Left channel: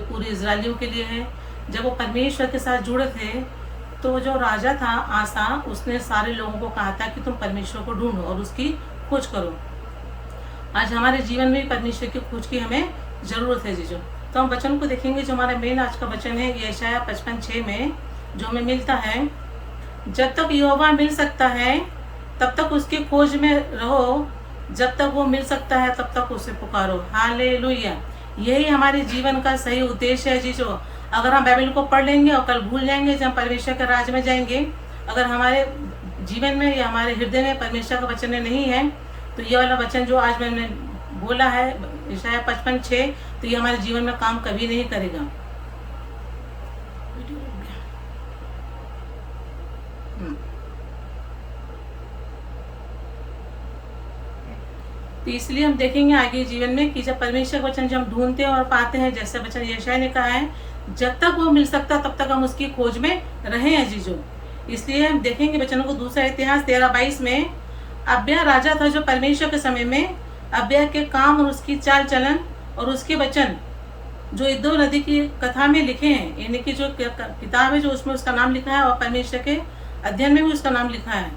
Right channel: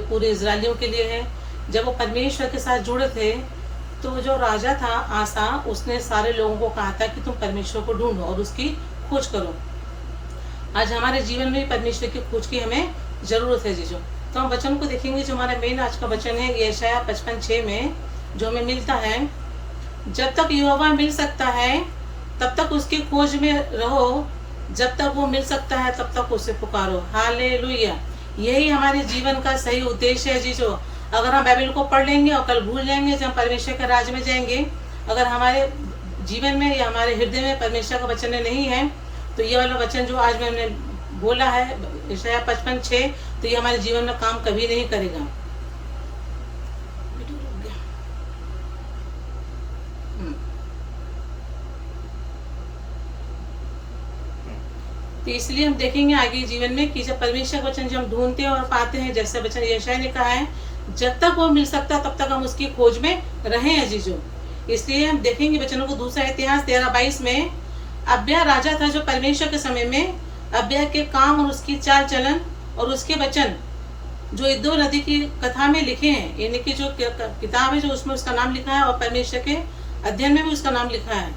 पूरे इजरायलियों के लिए है। जब वो परमेश्वर के साथ जुड़े थे तो जो राजा था आसा, उसने सारे लोगों को कहा था कि तुम परमेश्वर को ढूंढो और उसकी खोज करो। आज हमारे जीवन में परमेश्वर की खोज की हमें जरूरत है जीजो। तो हम वचन को देखेंगे। जो हमारा मेन आज का वचन है यशायाह 55:6 में जो हमें मिलता है, जब तक यहोवा मिल सकता है तब तक उसकी खोज में रहो, जब तक वो मिल सकता है तब तक उसे पुकारो। हालेलुया। यही हमारे जीवन का सही उद्देश्य है जीजो। अगर हम बाइबल को पढ़ लेंगे और कल भूल जाएंगे जब हम परमेश्वर के राज में जाएंगे, अगर हमारे जीवन में या हमारे हृदय में परमेश्वर का वचन नहीं है, तो ये वाला वचन जो आज मैंने बोला है यशायाह 55:6, तो ये हमारे जीवन में काम कभी नहीं करेगा। तो इसलिए हम देखेंगे आगे जीवन में कि जब परमेश्वर वचन जब हम ढूंढते हैं और पाते हैं, जैसे वचन यशायाह ने कहा है, जब तक वो मिल सकता तब तक हम उसकी खोज में रहे हैं जीजो। इसलिए हम देखेंगे वचनों को। दूसरा इतिहास 13:22 में अब्या राजा था जो परमेश्वर के समय में अब्या के काम और उसकी चाल चलन और उसके वचन जो इद्दो नदी की कथा में लिखे हैं, यानी कि जो किताब है जो उसमें उसका नाम लिखा है और परमेश्वर के अध्ययन में भी उसका नाम लिखा है।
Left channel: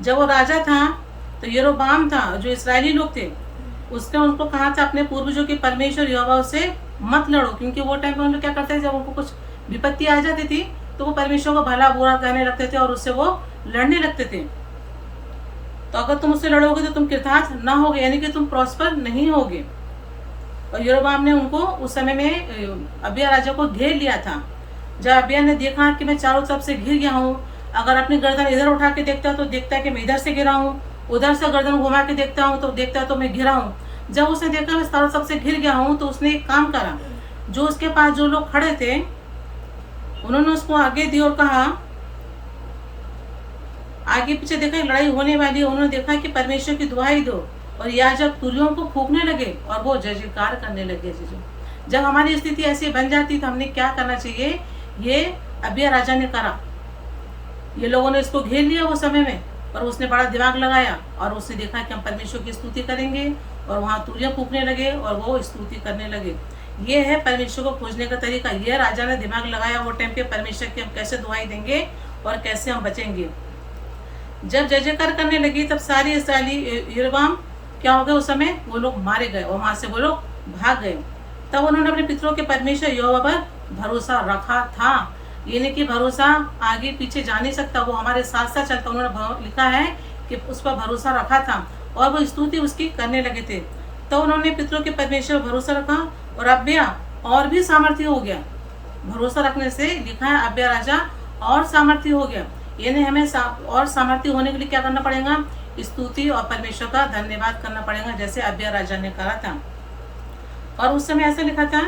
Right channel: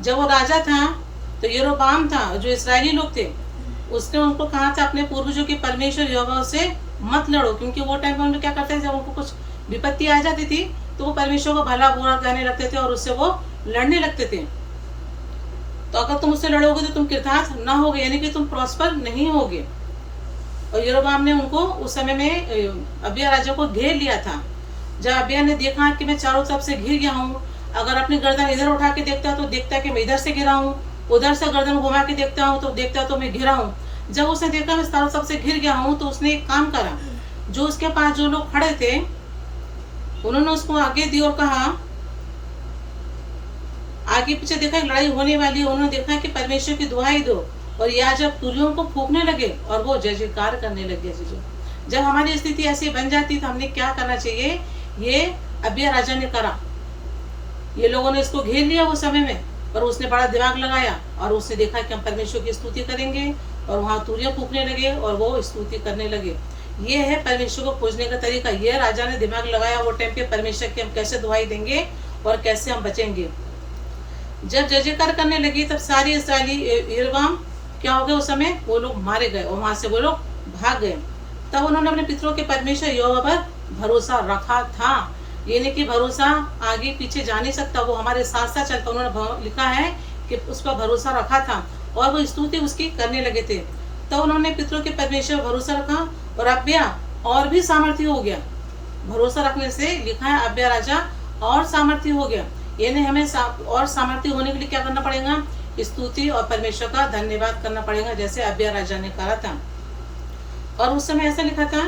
जब वो राजा था तो यरोबाम था, जो इस्राएली लोग थे, उसने उनको कहा था अपने पूर्वजों के परमेश्वर यहोवा से मत लड़ो, क्योंकि वो टाइम पर उन्होंने क्या करते थे, जब उनको कुछ विपत्ति आ जाती थी तो वो परमेश्वर को भला बुरा कहने लगते थे और उससे वो लड़ने लगते थे। तो अगर तुम उससे लड़ोगे तो तुम कृतार्थ न होगे, यानी कि तुम प्रॉस्पर नहीं होगे। और यरोबाम ने उनको उस समय में अबिया राजा को घेर लिया था। जब अबिया ने देखा कि मैं चारों तरफ से घिर गया हूँ, अगर अपनी गर्दन इधर उठा के देखता है तो देखता है कि मैं इधर से गिरा हूँ, उधर से गर्दन घुमा के देखता हूँ तो देखता है तो मैं घिरा हूँ। जब उसने देखा मैं चारों तरफ से घिर गया हूँ, तो उसने एक काम करा। जो उसके पास जो लोग खड़े थे उन्होंने उसको आगे दी और कहा, आगे पीछे देखा लड़ाई होने वाली है, उन्होंने देखा कि परमेश्वर की दुहाई दो, और याजक तुरियों को फूंकने लगे और वो जय जयकार करने लगे जीजो। जब हमारी स्थिति ऐसी बन जाती तो हमने क्या करना चाहिए, ये अबिया राजा ने करा। ये लोगों ने इसको घेर लिया वो समय में, पर उसने बड़ा दिमाग लगाया और उसने देखा कि हम परमेश्वर की स्तुति करेंगे, और वहां तुरियां फूंकने लगे और वो स्तुति करने लगे। ये है परमेश्वर को खोजने का तरीका। ये राजा ने दिमाग लगाया वो टाइम पे परमेश्वर की हम कैसे दुहाई देंगे और कैसे हम बचेंगे। जब जय जयकार करने लगी तब सारी इस्राएली यरोबाम क्या हो गए, उस समय वो लोग मारे गए और वहां से वो लोग भाग गए। तब उन्होंने अपने पितरों के परमेश्वर यहोवा पर भरोसा रखा था। यानी कि भरोसा आगे पीछे जा नहीं सकता, वो हमारे साथ साथ चलता। उन्होंने लिखा है कि उस पर भरोसा रखा था और वो स्तुति उसकी करने लगे थे। तो उन्होंने पितरों के परमेश्वर पर भरोसा रखा और अब्या और भी सामर्थ्य हो गया। भरोसा रखने से लिखा है अब्या राजा और सामर्थ्य हो गया। यानी हमें और सामर्थ्य होने के लिए क्या करना पड़ेगा, स्तुति और परमेश्वर का धन्यवाद करना पड़ेगा, जैसे अब्या राजा ने कहा था। और उस समय ऐसा लिखा था,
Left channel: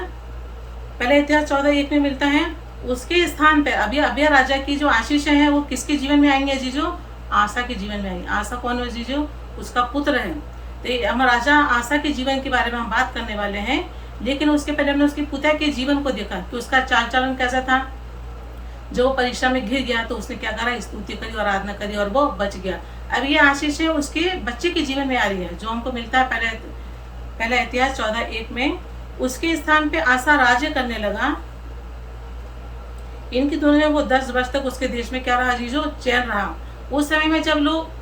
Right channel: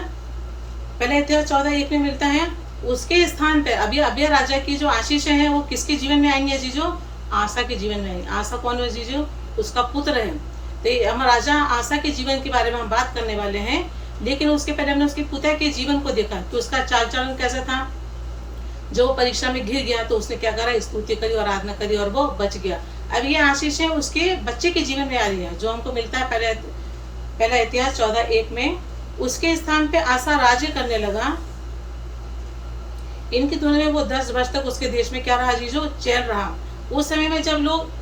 पहले इतिहास 14:1 में मिलता है, उसके स्थान पर अबिया राजा की जो आशीष है वो किसके जीवन में आएंगे जीजो, आसा के जीवन में आएंगे। आसा कौन है जीजो, उसका पुत्र है। तो हम राजा आसा के जीवन के बारे में हम बात करने वाले हैं, लेकिन उसके पहले हमने उसके पिता के जीवन को देखा कि उसका चाल चलन कैसा था। जो वो परीक्षा में घिर गया तो उसने क्या करा, स्तुति करी और आराधना करी और वो बच गया। अब ये आशीष है उसके बच्चे के जीवन में आ रही है, जो हमको मिलता है पहला इतिहास 14:1 में। उसके स्थान पे आसा राज्य करने लगा। इनकी तुलना में वो 10 वर्ष तक उसके देश में क्या रहा जीजो, चैन रहा। उस समय में जब लोग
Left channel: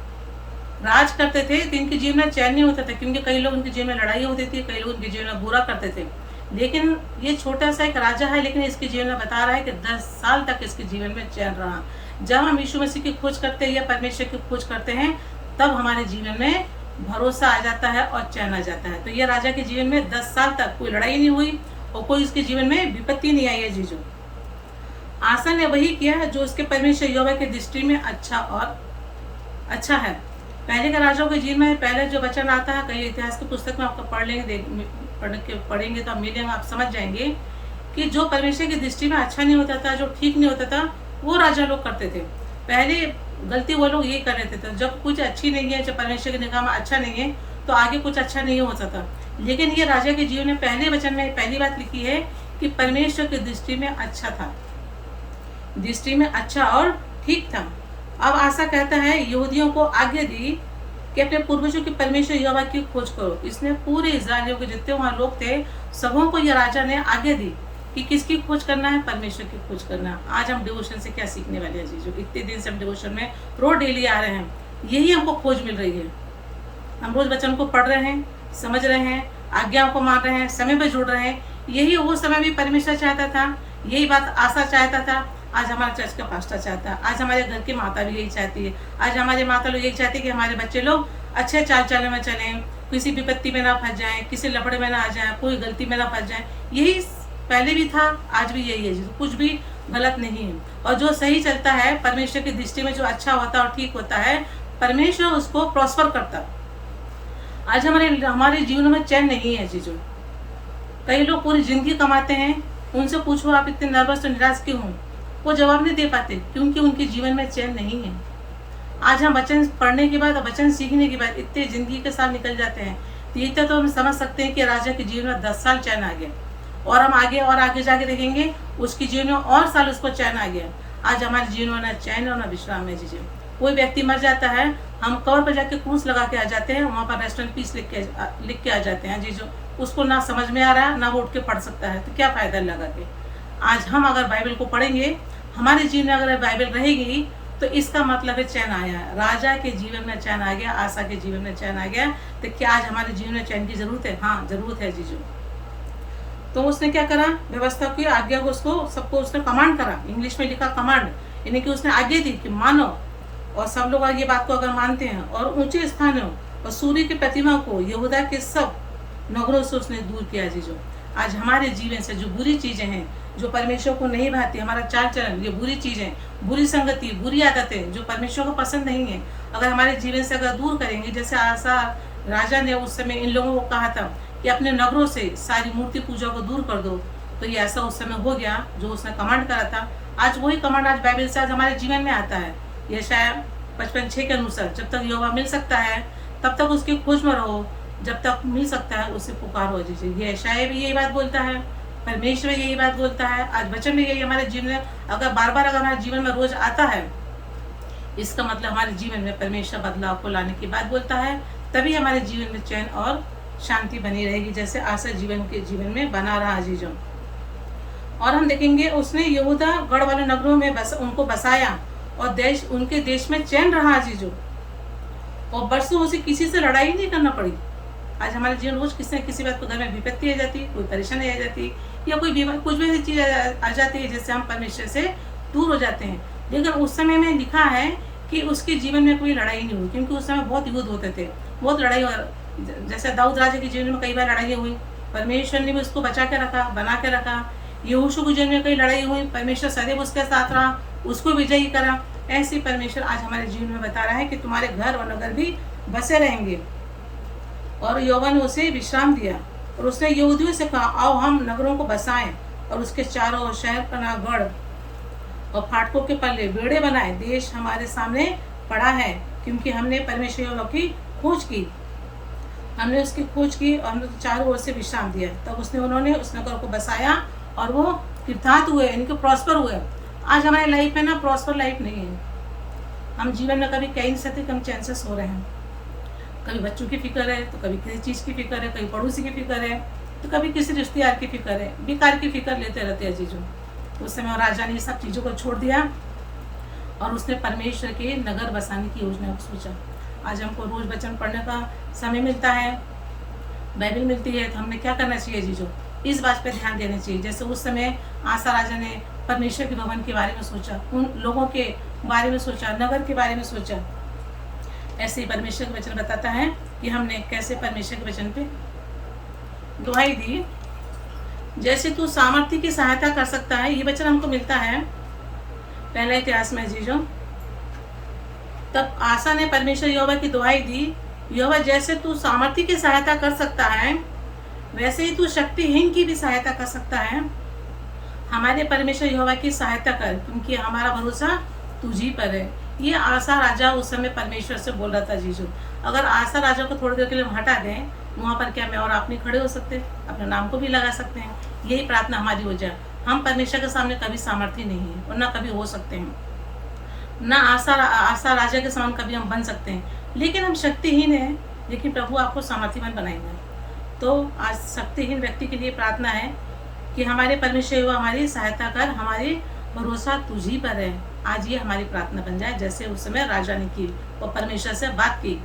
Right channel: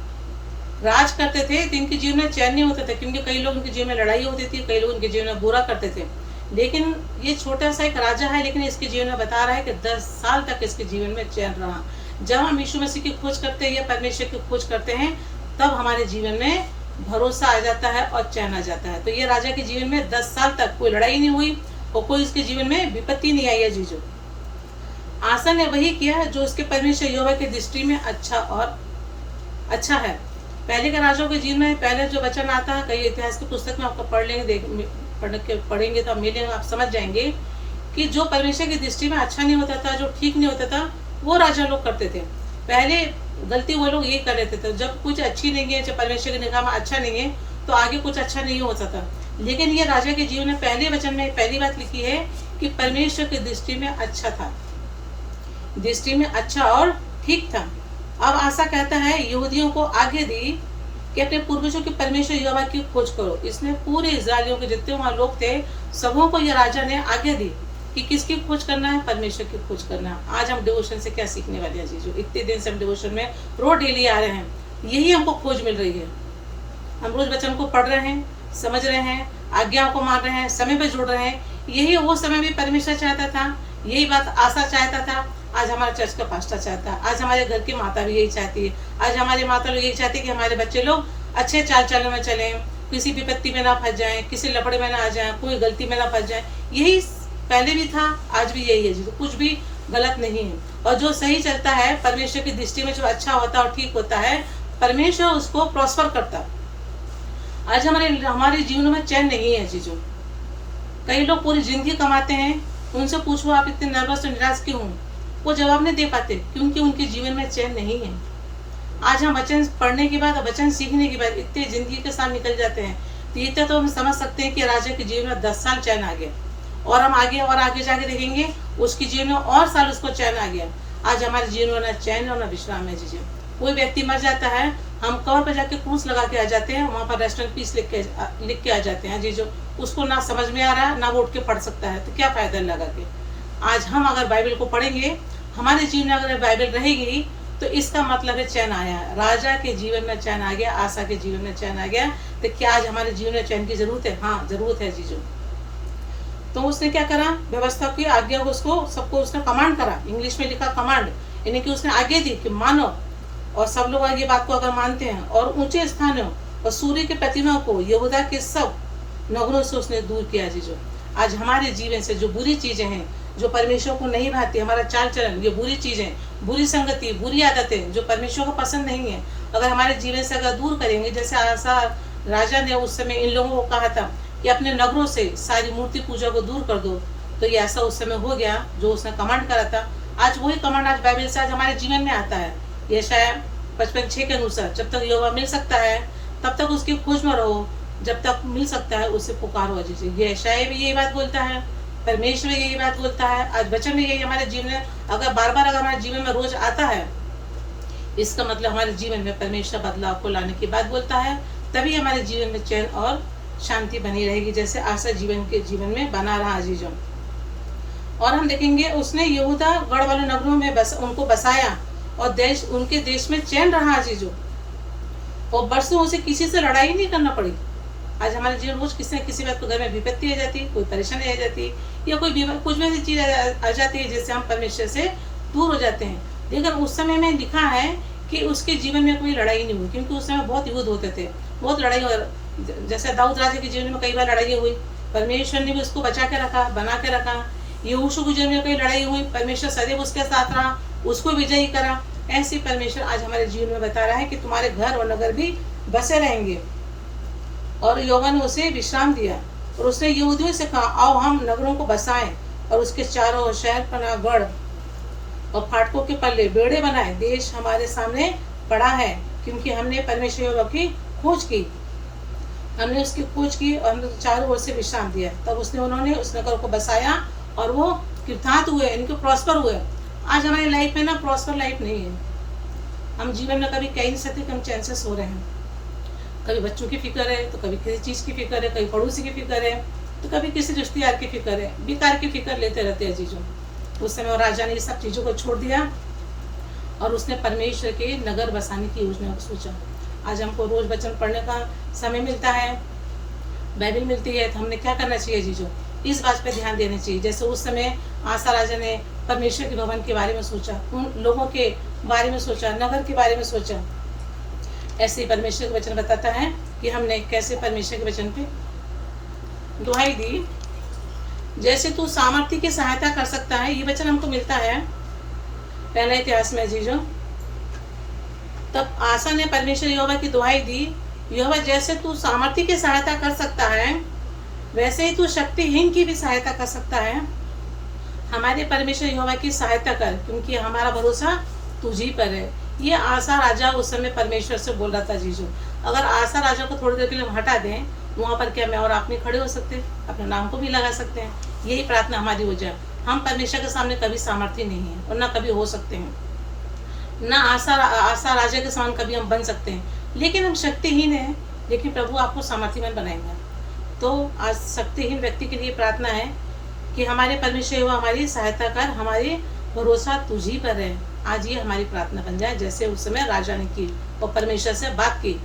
राज करते थे तो इनके जीवन में चैन नहीं होता था, क्योंकि कई लोग उनके जीवन में लड़ाई होती थी, कई लोग उनके जीवन में बुरा करते थे। लेकिन ये छोटा सा एक राजा है, लेकिन इसके जीवन में बता रहा है कि 10 साल तक इसके जीवन में चैन रहा। जब हम यीशु मसीह की खोज करते हैं या परमेश्वर की खोज करते हैं, तब हमारे जीवन में भरोसा आ जाता है और चैन आ जाता है। तो ये राजा के जीवन में 10 साल तक कोई लड़ाई नहीं हुई और कोई इसके जीवन में विपत्ति नहीं आई है जीजो। आसा ने वही किया जो उसके परमेश्वर यहोवा की दृष्टि में अच्छा है। पहले का राजाओं के जीवन में पहले जो वचन आता है, कई इतिहास की पुस्तक में आपको पढ़ेंगे तो आप मिलेंगे, आप समझ जाएंगे कि जो परमेश्वर की दृष्टि में अच्छा नहीं होता था, जो ठीक नहीं होता था, वो राजा लोग करते थे। पहले गलती वो लोग ये कर रहे थे। तो जब कुछ अच्छी नहीं है, जब परमेश्वर की निगाह में अच्छा नहीं है, तो आगे कुछ अच्छा नहीं हो सकता। लेकिन ये राजा के जीवन में पहले वचन में पहली बात लिखी है कि परमेश्वर की दृष्टि में अच्छा था, दृष्टि में अच्छा और ठीक था। अब आसा कहता है यहूदियों को आगे दी कि अपने पूर्वजों के परमेश्वर यहोवा की खोज करो। इसने पूरे इस्राएलियों के जितने वहां लोग थे सबों को यह राजा ने आगे दी कि किसकी खोज करना है, परमेश्वर की खोज करना है। आज हम डिवोशन से क्या सीखने वाले हैं जीजू? इतने दिन से हम डिवोशन में रोज डेली आ रहे हैं, यही हमको खोज मिल रही है। हम रोज वचन को पढ़ रहे हैं, समझ रहे हैं, आज्ञाओं को मान रहे हैं, समय पर जुड़ रहे हैं। यही वो समय भी परमेश्वर चाहता था, यही बात आशा चाहता था, आज हमारा चर्च का पास्टर चाहता है, आज हमारे घर की माता भी यही चाहती है, आज हमारे माता लोग यही चाहती है कि हमारे बच्चे लोग अच्छे चाल चलन में चलें, किसी विपत्ति में ना फंस जाएं, किसी लफड़े में ना आ जाएं, कोई गलती में ना फंस जाएं। यही पहले भी था, आज भी यही है जी, तो कुछ भी गलत नहीं है। और जो सही चलता है परमेश्वर की दृष्टि में, जो अच्छा होता है और ठीक होता है, परमेश्वर उसको प्रॉस्पर करता है। आज हमारे जीवन में चैन नहीं है जीजो। कई लोग पूरी जिंदगी कमाते हैं, उनसे पूछो आप इतने नर्वस और निराश क्यों हो, वो जवाब नहीं दे पाते, क्योंकि उनके जीवन में चैन नहीं है। आज हम वचन पढ़ने के बाद, वचन सीखने के बाद इतने जिंदगी के साथ निकल जाते हैं, तो इतना तो हम समझ सकते हैं कि राजा के जीवन में 10 साल चैन आ गया, और हम आगे जाके देखेंगे उसके जीवन में और साल उसको चैन आ गया। आज हमारे जीवन में ना चैन और ना विश्राम है जीजो। कोई व्यक्ति मर जाता है, हम कबर पर जाके क्रूस लगा के आ जाते हैं, वहाँ पर रेस्टोरेंट पीस लिख के आ जाते हैं जीजो। उसको ना समझ में आ रहा है, ना वो उठ के पढ़ सकता है, तो क्या फायदा लगा के। आज हम अगर बाइबल को पढ़ेंगे, हमारे जीवन में अगर बाइबल रहेगी, तो इसका मतलब है चैन आया है। राजा के जीवन में चैन आ गया, आशा के जीवन में चैन आ गया। तो क्या आज हमारे जीवन में चैन की जरूरत है? हाँ, जरूरत है जीजू। तो उसने क्या करा, व्यवस्था की आज्ञा को उसको सबको उसने कमांड करा, इंग्लिश में लिखा कमांड, यानी कि उसने आज्ञा दी कि मानो। और सब लोग ये बात को अगर मानते हैं, और ऊंचे स्थानों और सूर्य की प्रतिमा को यहूदा के सब नगरों से उसने दूर किया जीजो। आज हमारे जीवन से जो बुरी चीजें हैं, जो परमेश्वर को नहीं भाती, हमारा चाल चलन, ये बुरी चीजें, बुरी संगति, बुरी आदतें जो परमेश्वर को पसंद नहीं है, अगर हमारे जीवन से अगर दूर करेंगे, जैसे आसा राजा ने उस समय इन लोगों को कहा था कि अपने नगरों से सारी मूर्ति पूजा को दूर कर दो, तो ये ऐसा उस समय हो गया जो उसने कमांड करा था। आज वही कमांड आज बाइबल से आज हमारे जीवन में आता है। यशायाह 55:6 के अनुसार, जब तक यहोवा मिल सकता है तब तक उसकी खोज में रहो, जब तक मिल सकता है उससे पुकारो जी। ये यशायाह भी यही बात बोलता है, परमेश्वर यही बात बोलता है, आज वचन में यही हमारे जीवन में अगर बार बार अगर हमारे जीवन में रोज आता है, इसका मतलब हमारे जीवन में परमेश्वर बदलाव को लाने की बात बोलता है। तभी हमारे जीवन में चैन और शांति बनी रहेगी, जैसे आशा जीवन में बना रहा जीजों। और हम देखेंगे उसने यहूदा गढ़ वाले नगरों में उनको बसाया, और उनके देश में चैन रहा जीजो, और बरसों उसे किसी से लड़ाई नहीं करना पड़ी। आज हमारे जीवन रोज किसी न किसी बात को घर में विपत्ति आ जाती, कोई परेशानी आ जाती, या कोई कुछ भी ऐसी चीज आ जाती है जिससे हम परमेश्वर से दूर हो जाते हैं। लेकिन उस समय में लिखा है कि उसके जीवन में कोई लड़ाई नहीं हुई, क्योंकि उस समय बहुत युद्ध होते थे, बहुत लड़ाई हो। जैसे दाऊद राजा के जीवन में कई बार लड़ाई हुई, परमेश्वर ने भी उसको बचा के रखा, बना के रखा। यहोशू के जीवन में कई लड़ाई हुई, परमेश्वर सदैव उसके साथ रहा, उसको विजयी करा। ऐसे परमेश्वर आज हमारे जीवन में बता रहा है कि तुम्हारे घर और नगर भी बसे रहेंगे। और यहोवा ने उसे विश्राम दिया, और उसने यहूदियों से कहा, आओ हम नगरों को बसाएं, और उसके चारों शहर पनाह गढ़ और फाटकों के पल्ले बेड़े बनाए। देश हमारे सामने पड़ा है, क्योंकि हमने परमेश्वर यहोवा की खोज की, हमने उसकी खोज की, और हमने चारों ओर से विश्राम दिया। तब उन्होंने उस नगर को बसाया, और वो कृतार्थ हुए, इनके प्रॉस्पर हुए। आज हमारी लाइफ में ना प्रॉस्पर लाइफ नहीं है। हम जीवन में कभी कहीं से कम चांसेस हो रहे हैं, कभी बच्चों की फिक्र है, तो कभी किसी चीज़ की फिक्र है, कभी पड़ोसी की फिक्र है, तो कभी किसी रिश्तेदार की फिक्र है, बेकार की फिक्र लेते रहते हैं चीज़ों। उस समय राजा ने ये सब चीज़ों को छोड़ दिया, और उसने परमेश्वर के नगर बसाने की योजना को सोचा। आज हमको रोज वचन पढ़ने का समय मिलता है, बाइबल मिलती है, तो हमने क्या करना चाहिए जीजो? इस बात पे ध्यान देना चाहिए। जैसे उस समय आसा राजा ने परमेश्वर के भवन के बारे में सोचा, उन लोगों के बारे में सोचा, नगर के बारे में सोचा। ऐसे ही परमेश्वर के वचन बताता है कि हमने कैसे परमेश्वर के वचन पे दुहाई दी। जैसे तू सामर्थ्य की सहायता कर सकता है, ये वचन हमको मिलता है पहला इतिहास में जीजो। तब आसा ने परमेश्वर यहोवा की दुहाई दी, यहोवा जैसे तू सामर्थ्य की सहायता कर सकता है, वैसे ही तू शक्तिहीन की भी सहायता कर सकता है। हमारे परमेश्वर यहोवा की सहायता कर, क्योंकि हमारा भरोसा तुझी पर है। ये आसा राजा उस समय परमेश्वर से बोल रहा था जीजू। अगर आसा राजा को थोड़ी देर के लिए हम हटा दें, वहाँ पर क्या मैं और आप नहीं खड़े हो सकते? अपने नाम को भी लगा सकते हैं। यही प्रार्थना हमारी हो जाए। हम परमेश्वर के सामने कभी सामर्थ्य नहीं है, और ना कभी हो सकते हैं, ना आसा राजा के समान कभी हम बन सकते हैं। लेकिन हम शक्तिहीन हैं, लेकिन प्रभु आपको सामर्थ्यवान बनाएंगे। तो आज शक्तिहीन व्यक्ति के लिए प्रार्थना है कि हमारे परमेश्वर यहोवा हमारी सहायता कर, हमारी भरोसा तुझी पर है। आज ये हमारी प्रार्थना बन जाए, जैसे उस समय राजा ने की और परमेश्वर से बात की,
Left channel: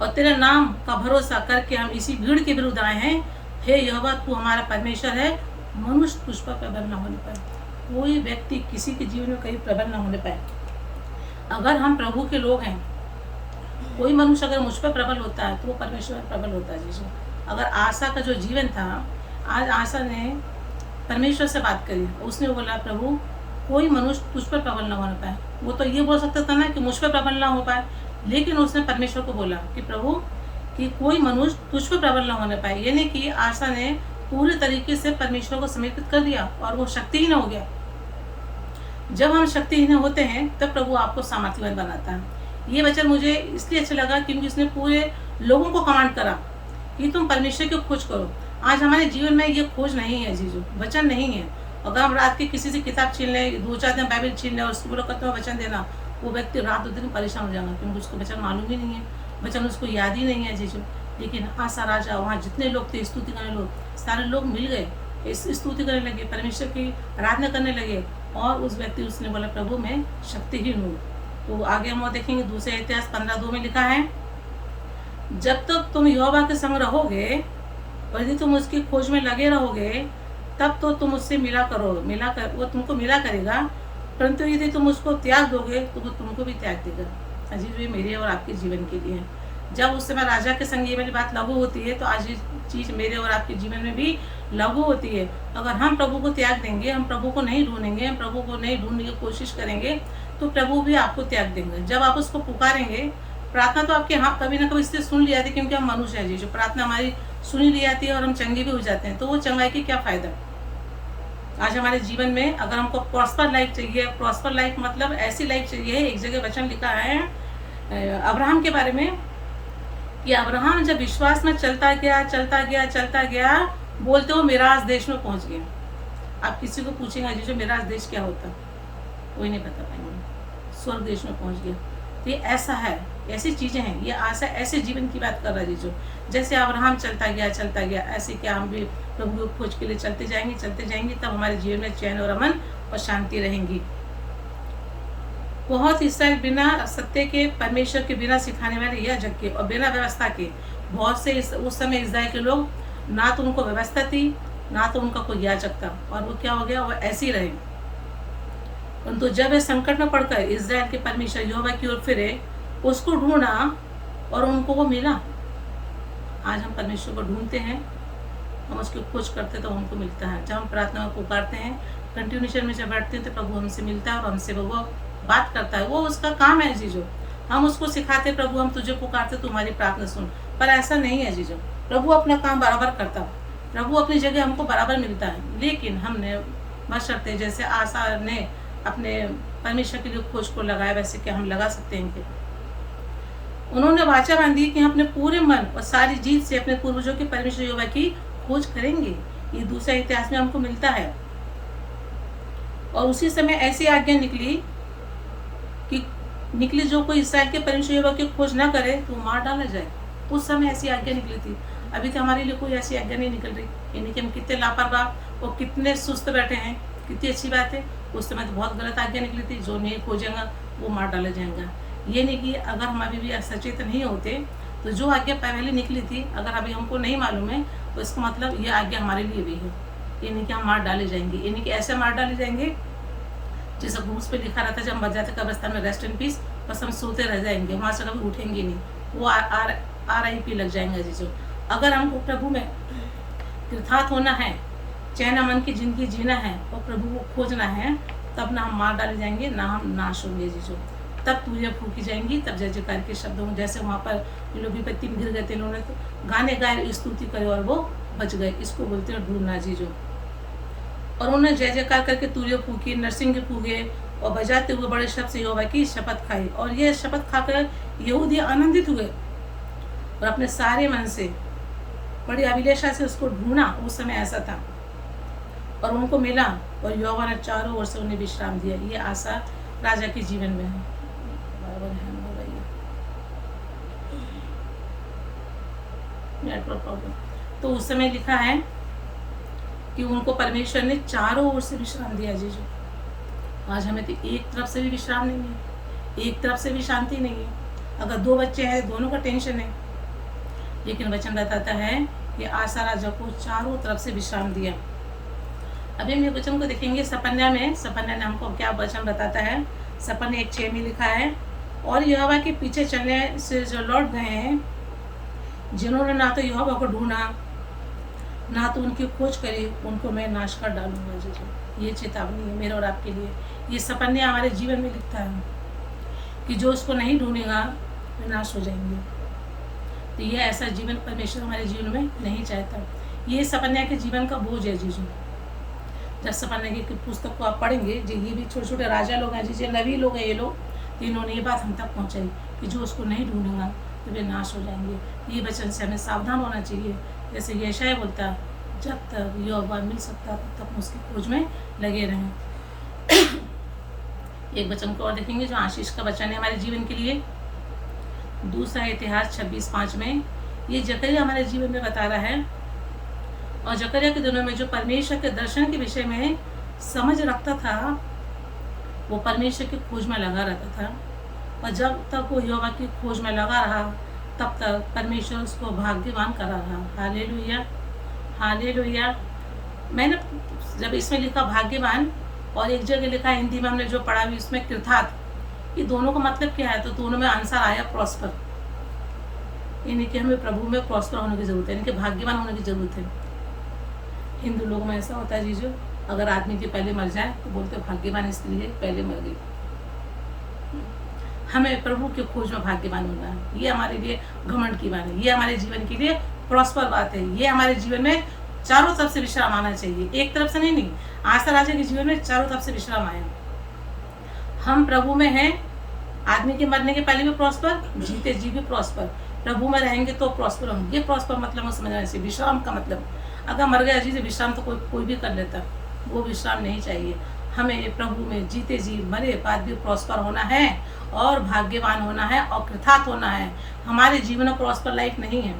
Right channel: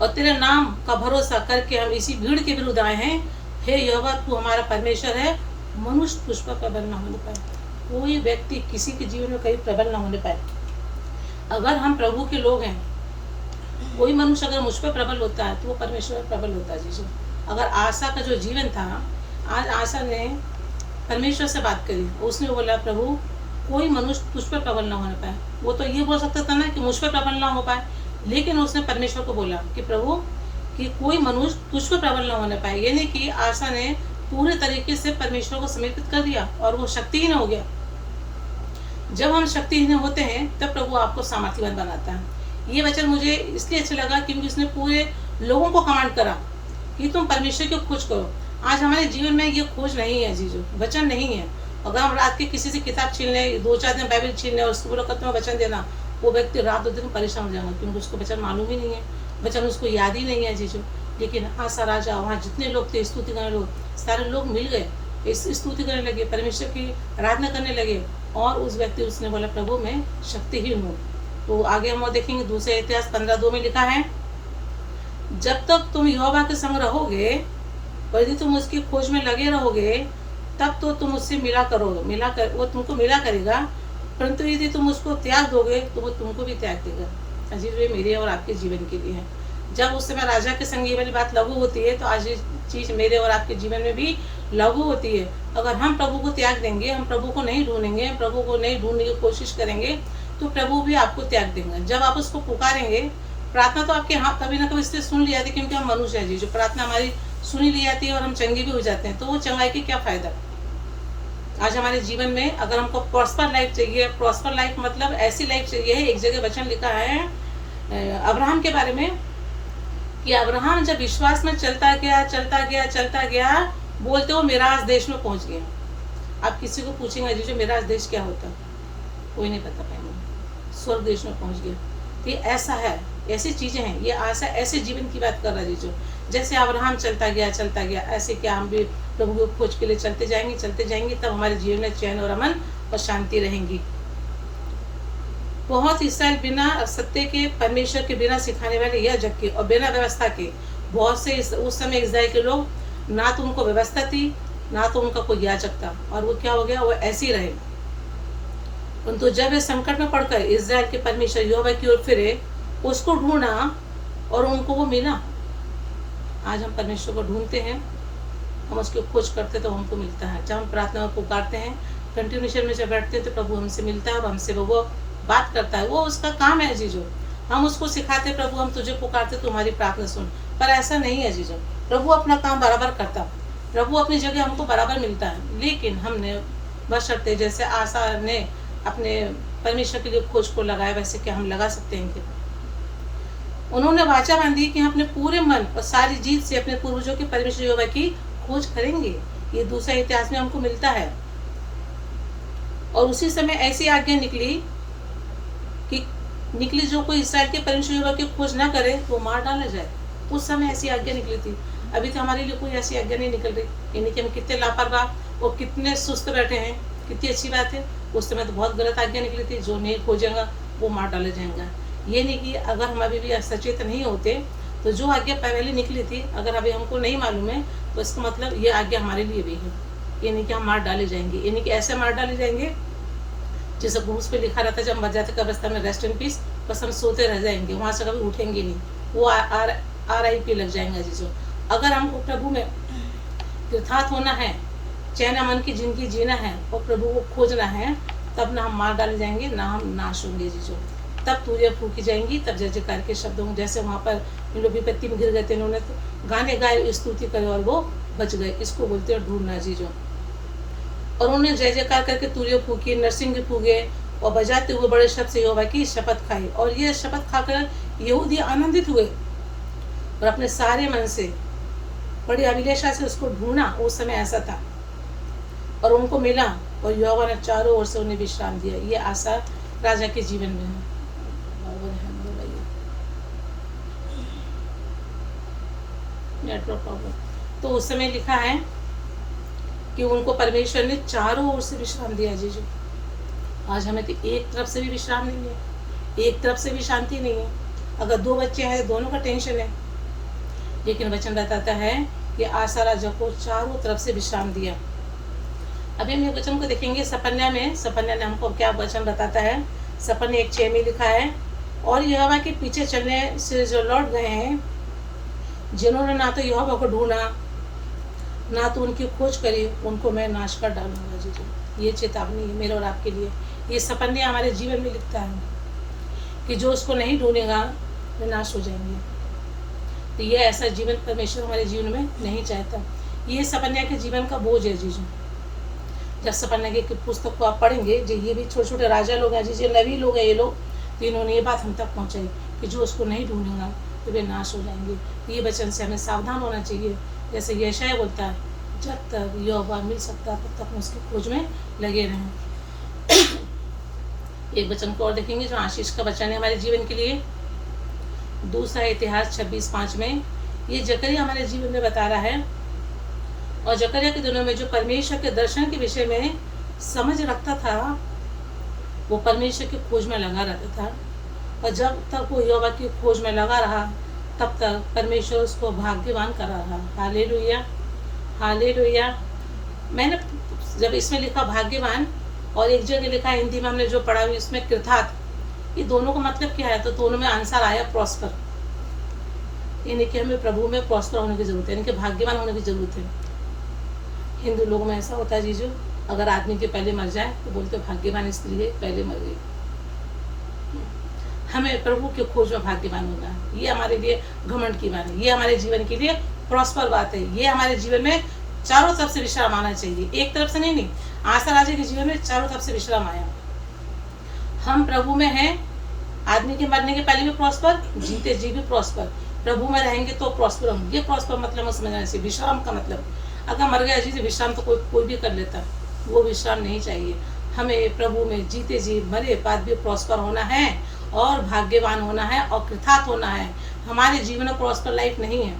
और तेरे नाम का भरोसा करके हम इसी भीड़ के विरुद्ध आए हैं। हे यहोवा, तू हमारा परमेश्वर है, मनुष्य तुझ पर प्रबल न होने पाए। कोई व्यक्ति किसी के जीवन में कभी प्रबल न होने पाए। अगर हम प्रभु के लोग हैं, कोई मनुष्य अगर मुझ पर प्रबल होता है तो वो परमेश्वर पर प्रबल होता है। जीजू, अगर आशा का जो जीवन था, आज आशा ने परमेश्वर से बात करी, उसने बोला प्रभु कोई मनुष्य तुझ पर प्रबल न होने पाए। वो तो ये बोल सकता था ना कि मुझ पर प्रबल न हो पाए, लेकिन उसने परमेश्वर को बोला कि प्रभु कि कोई मनुष्य तुझ पर प्रबल न होने पाए। यानी कि आशा ने पूरे तरीके से परमेश्वर को समर्पित कर दिया और वो शक्तिहीन हो गया। जब हम शक्तिहीन होते हैं तब प्रभु आपको सामर्थ्यवान बनाता है। ये वचन मुझे इसलिए अच्छा लगा क्योंकि उसने पूरे लोगों को कमांड करा कि तुम परमेश्वर की खोज करो। आज हमारे जीवन में ये खोज नहीं है जीजू, वचन नहीं है। अगर हम रात के किसी से किताब छीन लें, 2-4 दिन बाइबल छीन लें और उसको बोलो कहते हैं वचन देना, वो व्यक्ति रात 2 दिन परेशान हो जाएगा क्योंकि उसको वचन मालूम ही नहीं है, वचन उसको याद ही नहीं है जीजू। लेकिन आशा राजा, वहाँ जितने लोग थे स्तुति करने लोग, सारे लोग मिल गए, इस स्तुति करने लगे, परमेश्वर की आराधना करने लगे, और उस व्यक्ति उसने बोला प्रभु मैं शक्तिहीन हूँ। तो आगे हम देखेंगे दूसरे इतिहास 15:2 में लिखा है, जब तक तुम यहोवा के संग रहोगे और यदि तुम उसकी खोज में लगे रहोगे तब तो तुम उससे वो तुमको मिला करेगा, परंतु यदि तुम उसको त्याग दोगे तो वो तुमको भी त्याग देगा। अजीब, ये मेरे और आपके जीवन के लिए है। जब उस समय राजा के संग ये वाली बात लागू होती है तो आज ये चीज़ मेरे और आपके जीवन में भी लागू होती है। अगर हम प्रभु को त्याग देंगे, हम प्रभु को नहीं ढूंढेंगे, हम प्रभु को नहीं ढूंढने की कोशिश करेंगे, तो प्रभु भी आपको त्याग देंगे। जब आप उसको पुकारेंगे, प्रार्थना तो आपके यहाँ कभी ना कभी इसलिए सुन ली जाती है क्योंकि हम मनुष्य है जी, जो प्रार्थना हमारी सुनी ली जाती है और हम चंगे भी हो जाते हैं, तो वो चंगाई की क्या फायदा। आज हमारे जीवन में अगर हमको प्रॉस्पर लाइफ चाहिए, प्रॉस्पर लाइफ मतलब ऐसी लाइफ चाहिए है। एक जगह वचन लिखा है अब्राहम के बारे में कि अब्राहम जब विश्वास में चलता गया, बोलते वो मिराज देश में पहुंच गया। आप किसी को पूछेंगे जी जो मिराज देश क्या होता है, कोई नहीं बता पाएंगे। स्वर्ग देश में पहुंच गया। तो ये ऐसा है, ऐसी चीजें हैं, ये आशा ऐसे जीवन की बात कर रहा है जो जैसे अब्राहम चलता गया, ऐसे क्या हम भी प्रभु की खोज के लिए चलते जाएंगे, तब हमारे जीवन में चैन और अमन और शांति रहेंगी। बहुत इसराइल बिना सत्य के, परमेश्वर के बिना सिखाने वाले यह जग के और बिना व्यवस्था के, बहुत से उस समय इस्राएल के लोग, ना तो उनको व्यवस्था थी ना तो उनका कोई याजक था, और वो क्या हो गया, वो ऐसे ही रहे। परंतु जब वे संकट में पड़कर इस्राएल के परमेश्वर यहोवा की ओर फिरे, उसको ढूंढा और उनको वो मिला। आज हम परमेश्वर को ढूंढते हैं, हम उसकी खोज करते तो हमको मिलता है। जब हम प्रार्थना में पुकारते हैं, कंटिन्यूशन में जब बैठते हैं तो प्रभु हमसे मिलता है और हमसे वो बात करता है। वो उसका काम है जीजो। हम उसको सिखाते प्रभु हम तुझे पुकारते तुम्हारी प्रार्थना सुन, पर ऐसा नहीं है जीजो। प्रभु अपना काम बराबर करता, प्रभु अपनी जगह हमको बराबर मिलता है। लेकिन हमने बशर्ते जैसे आशा ने अपने परमेश्वर के लिए खोज को लगाया, वैसे क्या हम लगा सकते हैं कि उन्होंने वाचा बांधी कि हम अपने पूरे मन और सारी जीत से अपने पूर्वजों के परमेश्वर यहोवा की खोज करेंगे। ये दूसरा इतिहास में हमको मिलता है। और उसी समय ऐसी आज्ञा निकली जो कोई इस्राएल के परमेश्वर यहोवा की खोज ना करे तो मार डाला जाए। उस समय ऐसी आज्ञा निकली थी। अभी तो हमारे लिए कोई ऐसी आज्ञा नहीं निकल रही, यानी कि हम कितने लापरवाह और कितने सुस्त बैठे हैं। कितनी अच्छी बात है, उस समय तो बहुत गलत आज्ञा निकली थी, जो नहीं खोजेगा वो मार डाला जाएगा। ये नहीं कि अगर हम अभी भी सचेत नहीं होते तो जो आज्ञा पहले निकली थी अगर अभी हमको नहीं मालूम है तो इसका मतलब ये आज्ञा हमारे लिए भी है। ये नहीं कि हम मार डाले जाएंगे, ये नहीं कि ऐसे मार डाले जाएंगे जैसे क्रूस पे लिखा रहता है जब मर जाते कब्रिस्तान में रेस्ट इन पीस, बस हम सोते रह जाएंगे, वहाँ से कभी उठेंगे नहीं, वो RIP लग जाएंगे जीजो। अगर हमको प्रभु में तीर्थार्थ होना है, चैन अमन की जिंदगी जीना है और प्रभु को खोजना है, तब ना हम मार डाले जाएंगे ना हम नाश होंगे जीजो। तब तूरियां फूकी जाएंगी, तब जय जयकार के शब्द होंगे। जैसे वहाँ पर इन लोग विपत्ति में गिर गए थे, इन्होंने गाने गाए, स्तुति करे और वो बच गए। इसको बोलते हैं ढूंढना जीजो। और उन्होंने जय जयकार करके तूरियां फूकी, नरसिंह फूके और बजाते हुए बड़े शब्द से यहोवा की शपथ खाई। और ये शपथ खाकर यहूदी आनंदित हुए और अपने सारे मन से बड़ी अभिलाषा से उसको ढूंढना। उस समय ऐसा था और उनको मिला और यहोवा ने चारों ओर से उन्हें विश्राम दिया। ये आशा राजा के जीवन में है। Network problem. तो उस समय लिखा है कि उनको परमेश्वर ने चारों ओर से विश्राम दिया जीजू। आज हमें तो एक तरफ से भी विश्राम नहीं है, एक तरफ से भी शांति नहीं है। अगर 2 बच्चे हैं, दोनों का टेंशन है। लेकिन वचन बताता है कि आशा राजा को चारों तरफ से विश्राम दिया। अभी हम वचन को देखेंगे सपन्या में। सपन्या ने हमको क्या वचन बताता है। सपन्या 1:6 में लिखा है, और यहोवा के पीछे चलने से जो लौट गए हैं, जिन्होंने ना तो यहोवा को ढूंढा, ना तो उनकी खोज करी, उनको मैं नाश कर डालूंगा जीजू। ये चेतावनी है मेरे और आपके लिए। ये सपन्या हमारे जीवन में लिखता है कि जो उसको नहीं ढूंढेगा वो नाश हो जाएंगे। तो ये ऐसा जीवन परमेश्वर हमारे जीवन में नहीं चाहता। ये सपन्या के जीवन का बोझ है जीजू। जब सपन्या की पुस्तक को आप पढ़ेंगे, जो ये भी छोटे छोटे राजा लोग हैं, जैसे नबी लोग हैं ये लोग, तो इन्होंने ये बात हम तक पहुँचाई कि जो उसको नहीं ढूंढेगा तो वे नाश हो जाएंगे। ये वचन से हमें सावधान होना चाहिए। जैसे यशायाह बोलता है, जब तक यहोवा मिल सकता तब तक उसकी खोज में लगे रहें। एक वचन को और देखेंगे जो आशीष का वचन है हमारे जीवन के लिए। दूसरा इतिहास 26:5 में ये जकरिया हमारे जीवन में बता रहा है, और जकरिया के दिनों में जो परमेश्वर के दर्शन के विषय में समझ रखता था, वो परमेश्वर की खोज में लगा रहता था। और जब तक वो यहोवा की खोज में लगा रहा, तब तक परमेश्वर उसको भाग्यवान करा रहा। Hallelujah, hallelujah. मैंने जब इसमें लिखा भाग्यवान, और एक जगह लिखा हिंदी में हमने जो पढ़ा हुई इसमें कृतार्थ, ये दोनों का मतलब क्या है? तो दोनों में आंसर आया प्रॉस्पर। यानी कि हमें प्रभु में प्रॉस्पर होने की जरूरत है, यानी कि भाग्यवान होने की जरूरत है। हिंदू लोगों में ऐसा होता है जीजू, अगर आदमी के पहले मर जाए तो बोलते भाग्यवान स्त्री है, पहले मर गई। हमें प्रभु के खोज में भाग्यवान होना है। ये हमारे लिए घमंड की बात है, ये हमारे जीवन के लिए प्रॉस्पर बात है। ये हमारे जीवन में चारों तरफ से विश्राम आना चाहिए, एक तरफ से नहीं। आशा राजा के जीवन में चारों तरफ से विश्राम आया। हम प्रभु में हैं। आदमी के मरने के पहले भी प्रॉस्पर, जीते जी भी प्रॉस्पर। प्रभु में रहेंगे तो प्रॉस्पर होंगे। ये प्रॉस्पर मतलब समझना चाहिए। विश्राम का मतलब, अगर मर गया जी विश्राम तो कोई भी कर लेता, वो विश्राम नहीं चाहिए। हमें प्रभु में जीते जी मरे बाद भी प्रॉस्पर होना है, और भाग्यवान होना है, और कृतार्थ होना है। हमारे जीवन में प्रॉस्पर लाइफ नहीं है।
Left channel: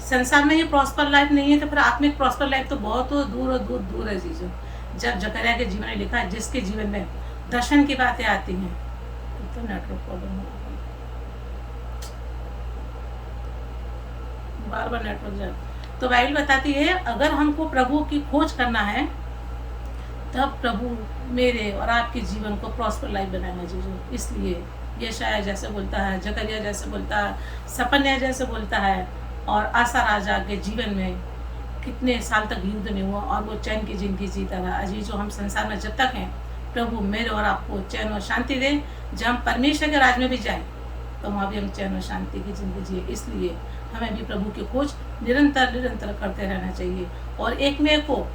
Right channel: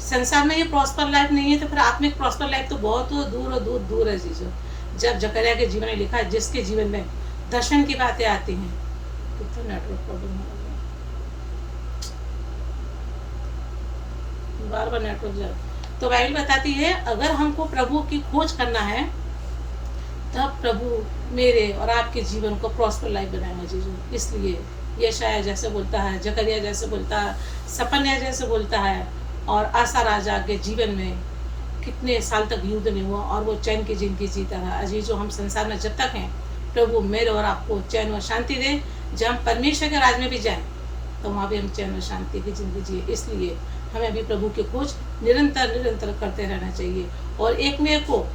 संसार में ये प्रॉस्पर लाइफ नहीं है, तो फिर आत्मिक प्रॉस्पर लाइफ तो बहुत दूर दूर है जीजू। जब जकरिया के जीवन में लिखा है, जिसके जीवन में दर्शन की बातें आती हैं, तो नेटवर्क प्रॉब्लम हो रहा है, बार नेटवर्क जाए। तो बाइबल बताती है, अगर हमको प्रभु की खोज करना है, तब प्रभु मेरे और आपके जीवन को प्रॉस्पर लाइफ बनाएंगे जीजू। इसलिए यशायाह जैसे बोलता है, जकरिया जैसे बोलता है, सपन्या जैसे बोलता है, और आशा राजा के जीवन में कितने साल तक युद्ध नहीं हुआ और वो चैन की जिंदगी जीता रहा। अजीजों, हम संसार में जब तक हैं, प्रभु मेरे और आपको चैन और शांति दे। जब हम परमेश्वर के राज में भी जाएं, तो वहाँ भी हम चैन और शांति की जिंदगी जिए। इसलिए हमें भी प्रभु की खोज निरंतर करते रहना चाहिए, और एक में को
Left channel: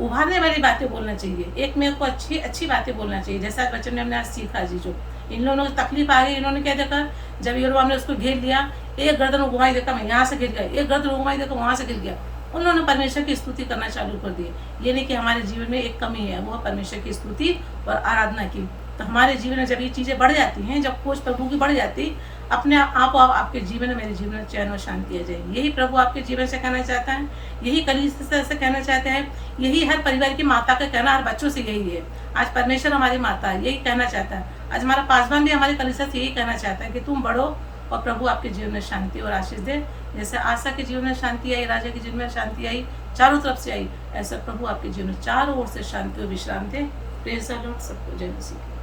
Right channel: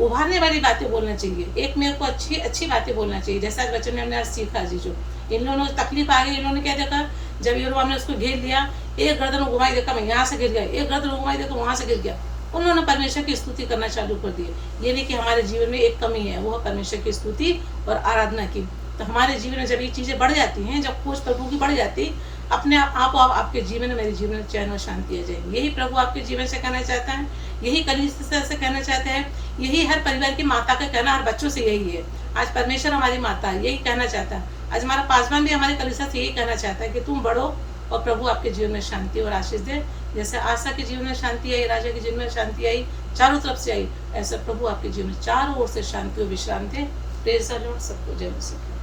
उभारने वाली बातें बोलना चाहिए, एक में को अच्छी बातें बोलना चाहिए। जैसा आज बच्चों ने हमने आज सीखा जीजू, इन लोगों को तकलीफ आ गई, इन्होंने क्या देखा, जब यहोवा ने उसको घेर लिया, एक गर्दन घुमाई देखा मैं यहाँ से गिर गया, एक गर्दन घुमाई देखा वहाँ से गिर गया। उन्होंने परमेश्वर की स्तुति करना चालू कर दी। ये नहीं कि हमारे जीवन में एक कमी है, वो परमेश्वर की स्तुति और आराधना की। तो हमारे जीवन में जब ये चीज़ें बढ़ जाती हैं, जब खोज प्रभु की बढ़ जाती, अपने आप आपके जीवन में, मेरे जीवन में चैन और शांति आ जाएगी। यही प्रभु आपके जीवन से कहना चाहता है, यही कलीसिया से कहना चाहते हैं, यही हर परिवार की माता का कहना, हर बच्चों से यही है। आज परमेश्वर हमारी माता है, यही कहना चाहता है। आज हमारा पासवान भी हमारे कलीसिया से यही कहना चाहता है कि तुम बढ़ो और प्रभु आपके जीवन में शांति और आशीष दे। जैसे आशा के जीवन में शांति आई, राजा के जीवन में शांति आई, चारों तरफ से आई, ऐसा प्रभु आपके जीवन में चारों ओर से शांति और विश्राम दे। Praise the Lord. सबको जय मसीह।